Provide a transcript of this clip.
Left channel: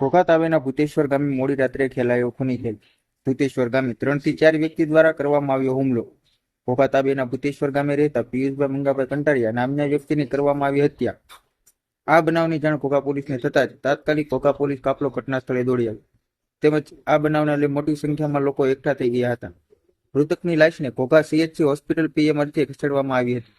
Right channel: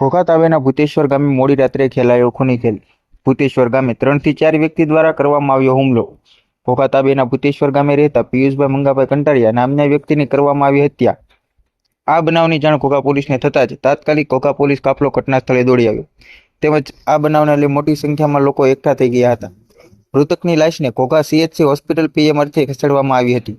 ઘોઘા તાવેના ભૂતેશ્વર ગામે મોડી રાત્રે ખેલાયો ખૂની ખેલ. ભૂતેશ્વર ગામે ત્રણથી ચાર વ્યક્તિ દ્વારા કરવામાં આવ્યો હુમલો. ઘોઘા તાલુકાના ભૂતેશ્વર ગામે રહેતા પિયુષભાઈ મંગાભાઈ કંટારિયા નામના વ્યક્તિની કરવામાં આવી હત્યા. આ બનાવની જાણ ઘોઘા પોલીસને થતાં જ તાત્કાલિક ઘોઘા પોલીસ કાફલો ઘટના સ્થળે દોડી આવ્યો. તેમજ આ બનાવને લઈ મોટી સંખ્યામાં લોકો એકઠા થઈ ગયા હતા. મૃતકની લાશને ઘોઘા સીએચસી હોસ્પિટલ પીએમ અર્થે ખસેડવામાં આવી હતી.